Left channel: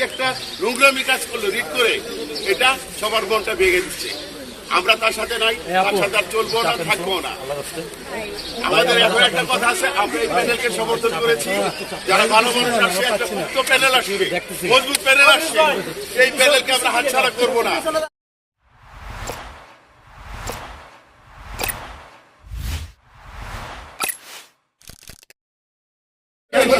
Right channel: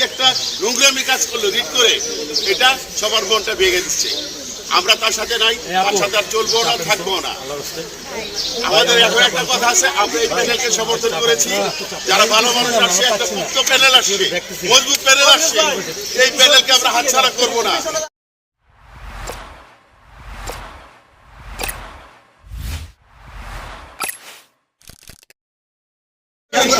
যে একটা নোংরামি কাজ করল রিট করে এটা সবার মনটা ভেঙে দিচ্ছে। আমরা তার সাথে নাই তার সাথে আর চলবো না থাকব না। আমাদের এখন একটা কথা আছে আমরা এই প্যানেলকে সমর্থন করেছি। যারা ভালো মানুষ আসছে একটা মুক্ত প্যানেল আসছে মজবুত প্যানেল আসছে। এই প্যানেলকে আমরা হাতছাড়া করব না আমি অসুস্থ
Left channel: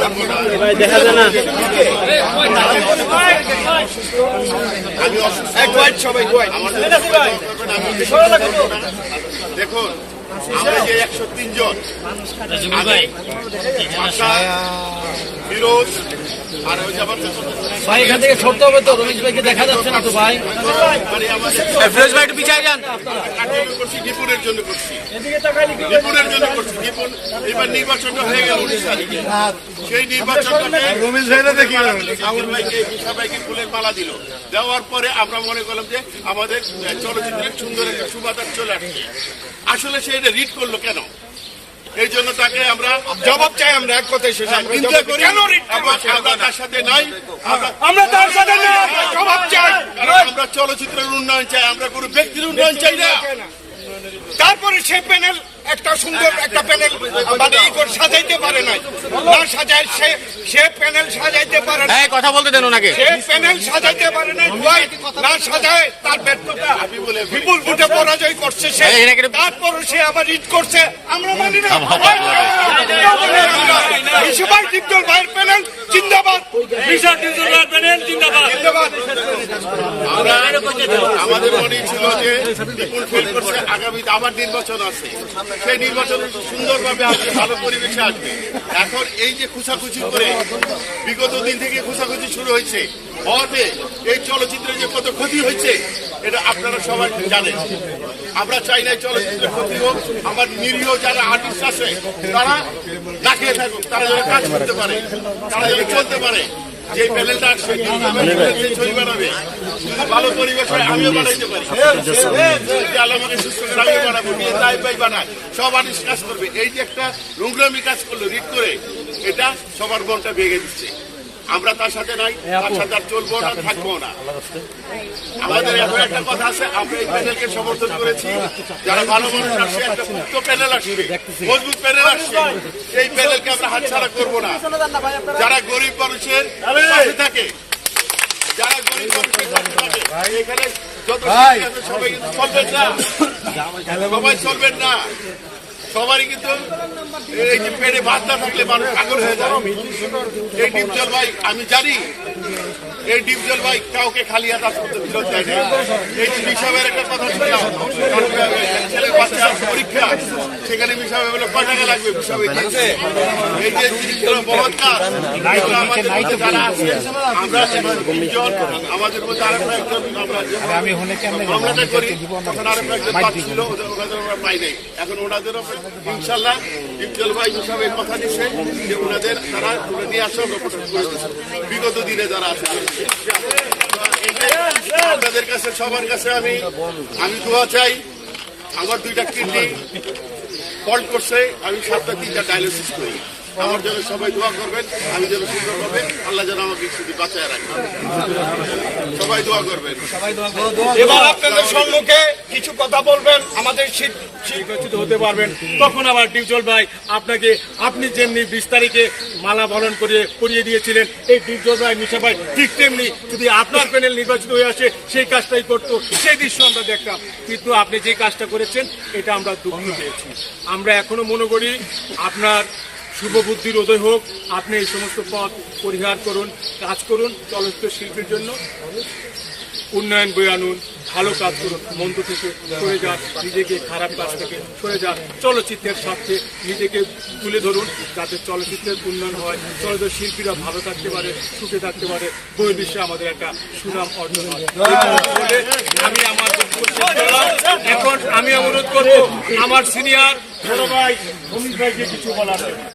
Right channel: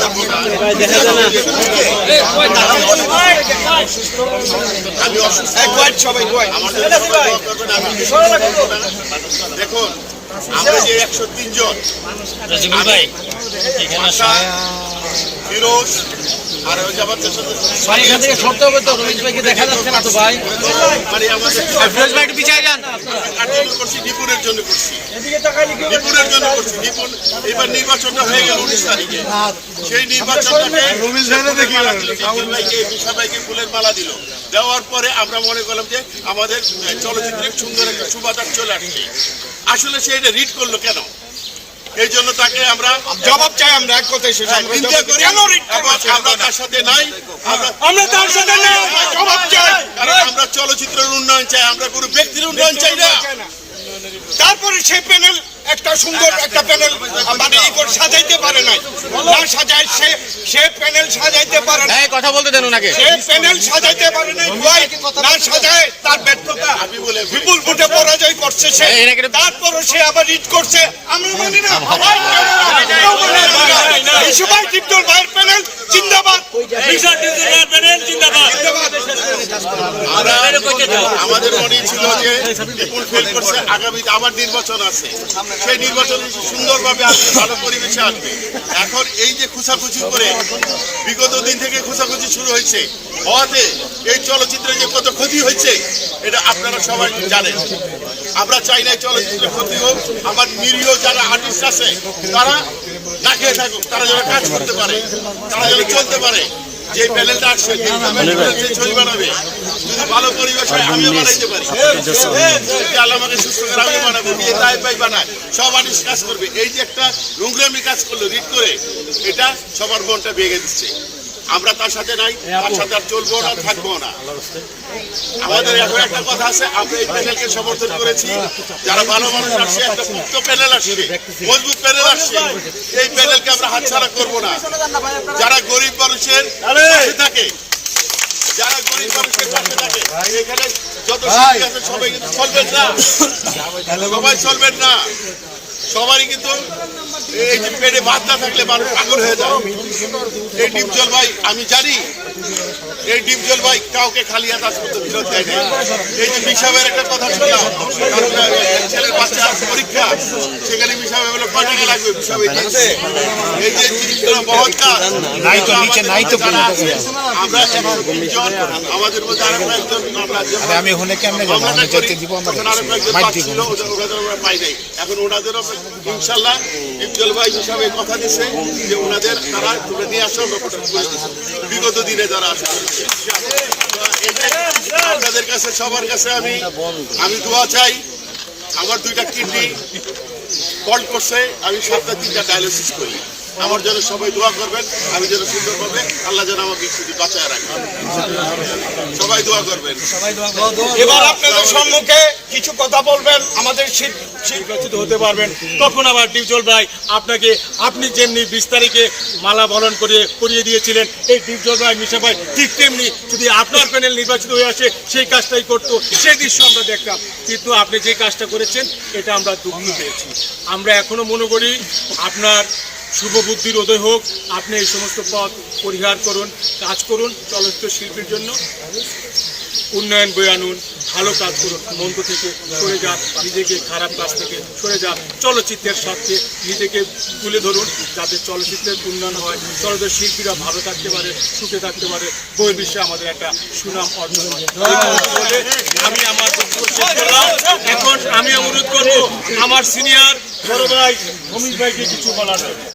আমার জন্য সবাই দোয়া করবেন আমি বেশি কিছু দেখুন আমরা যে একশো তিন জন ফিরোজ আর ওই যে ভাই এখান থেকে সরতে হবে তো রমেশ ভাইকে দেখা যাচ্ছে না তো ভাই মানে আমাদের ফিরোজ ভাই একটু পিছিয়ে যান। করছি নিপুণের জন্য করছি নিপুণের জন্য করছি। নিপুণ এবার নির্বাচনটা হয়ে গেল উনিশ তারিখে। সেই নির্বাচনটাকে ফুলের মালা দিল, ফুলের মালা দেওয়ার পরে আমরা মনে করলাম যে আমাদের চলচ্চিত্রের সুন্দর একটা সুবাতার চলে আসছে। আসলে সে এটা রিড করল কেন? এই জন্য তাকে আমরা জবাব চাই আমরা এক কথায় শেষ হ্যাঁ, নিন্দা করি। আমরা তার সাথে নাই। আমরা তার সাথে জবাব চাই। কারণ আমরা চলচ্চিত্রের উন্নয়ন চাই আমরা কোনো ব্যক্তির উন্নয়ন চাই না। তারপরে সে প্যানেল একটা সুন্দর একটা প্যানেল মানে ই করে সাজাইতে পারে নাই। না সাজায় সে সে প্যানেল সাজাইতে পারে না হ্যাঁ কথা বলতে দেন ওনাকে। সে প্যানেল সাজাইতে পারে নাই ভয় না সাজায় তার ব্যর্থতা আমি বলে বিপুল ভোটে পরাজয় করছে সে। এই, তারপরে সে আবার রিট করছে। আমরা মানি না। এই সবাই টিপটল ভাইয়ের প্যানেল জিন্দাবাদ। জিন্দাবাদ। আমরা আমাদের মনে ছিল যে বিপুল ফেল করছে আগামীতে আবার নির্বাচন আছে। সেই নির্বাচনে সুন্দরভাবে আসবে ভালো পরিবেশে আসবে। এখন এই যে খুচাখুচি করে বিগত দিন থেকে খুচাখুচি শুরু হয়েছে হওয়াতে এই চলচ্চিত্রে যে কত ক্ষতি হয়েছে এটা আপনারা সবাই জানেন। আমরা চাই না চলচ্চিত্রের ক্ষতি হোক আমার নিরীহ যারা আর্টিস্ট আছে তারা না খেয়ে থাকুক তারা যেন কাজ করতে পারে তারা যেন চলতে পারে। যে প্যানেলটা আসবে যে ছবি বানাবে যদি ভালো পরিবেশ হয় আমিও বানাইতে পারি। আমাকে সুস্থ করে আমিও বানাবো নিয়ে তাই পাই বানায়। সব আনিস কাজ করবে। এই যে একটা নোংরামি কাজ করল রিড করে এটা সবার মনটা ভেঙে দিচ্ছে। আমরা তার সাথে নাই তার সাথে আর চলবো না থাকব না। আমাদের এখন একটা কথা আছে আমরা এই প্যানেলকে সমর্থন করেছি। যারা ভালো মানুষ আসছে একটা মুক্ত প্যানেল আসছে মজবুত প্যানেল আসছে। এই প্যানেলকে আমরা হাতছাড়া করব না। যারা গরিব মানুষের পাশে থাকে যারা গরিব মানুষের পাশে থাকে এখানে যত আছে সবাই কিন্তু চলবেন না। সবাই চলবেন না। সবারই কিন্তু এই যে পেটে ভাত না থাকলে মানুষ পাগল হয়ে যায়। এই ডিপজল ভাই আমি জানি এই ডিপজল ভাই কাউকে খালি হাত আজ পর্যন্ত ফেরত দেয় নাই। এই যে বিশাবের একটা কথা শুনলাম ছেলের বাচ্চা পরীক্ষা সেখানে বিশাবে বলে কয় টাকা লাগবে? দিচ্ছে এই যে জিনিসগুলো মহৎ কাজ এগুলো আমাদের মধ্যে যারা আছে আমরা একশো তিনজন আমাদের মধ্যে আরও কয়েকজন আমরা মামলাটা করি তখন আরও কয়েকজন পাচ্ছিল ওদের ওরা পাই নাই। এখন ওনাদেরও ইনশাল্লাহ ডিপজল ভাই হিসাবে কথা দিচ্ছে যে ওনাদের তারা তুলে নিয়ে আসো করে বিগত দিনে যারা আসে, আপনাদের কাছে, সবার কাছে আমি আমি দোয়া চাই। আমার দুইটা কিডনি ফল্ট করছে, আমি সপ্তাহে তিনটা ডায়ালিসিস করি। আমার জন্য সবাই দোয়া করবেন আমি যেন সুন্দরভাবে আল্লাহ যেন আমাকে শুধু বাঁচায় রাখেন। সবাই দোয়া করবেন। এবার আপনাদের সম্মুখে কিছু কথা বলবেন আমাদের নির্বাচিত হতে পারবেন। তখন আবার ডিপজল ভাই আপনাকে আপনি যেমনি বিশ তারিখে মালা বরণ করে করিয়ে দিয়েছিলেন এই ডিপজল ভাই মিশা ভাই ঠিক তেমনি যদি আপনার প্যানেল নির্বাচিত হয়ে আসে সেই কাজটাই করতো সেই দৃশ্য আমরা দেখতাম। কিন্তু আপনি যে কাজটা করেছেন এটা আমরা দুঃখ পেয়েছি। আমরা এখনও মনে করি আপনার শুভ বুদ্ধির উদয় হোক। আপনি এই সমস্ত পথ পরিহার করুন, কাজ করুন চলচ্চিত্র শিল্পীর জন্য। উন্নয়ন বয়ে আনুন, ভালো কাজ করুন, মন্দ থেকে সরে যান নিজেকে খারাপ কাজ থেকে সরে যান চলচ্চিত্রের স্বার্থে নিজেকে তুলে ধরুন, যাতে চলচ্চিত্রের উন্নয়ন হয়। চলচ্চিত্র শিল্পীরা ভালো থাকতে পারে, সুখে থাকতে পারে। বইয়ের বিশ্বে আমাদের একটা সুনাম অর্জন হয়। আমি আমার করলাম। এখন আমি অনুরোধ করব, আমার সিনিয়র বড় ভাই অমিত ভাইকে কিছু বলার।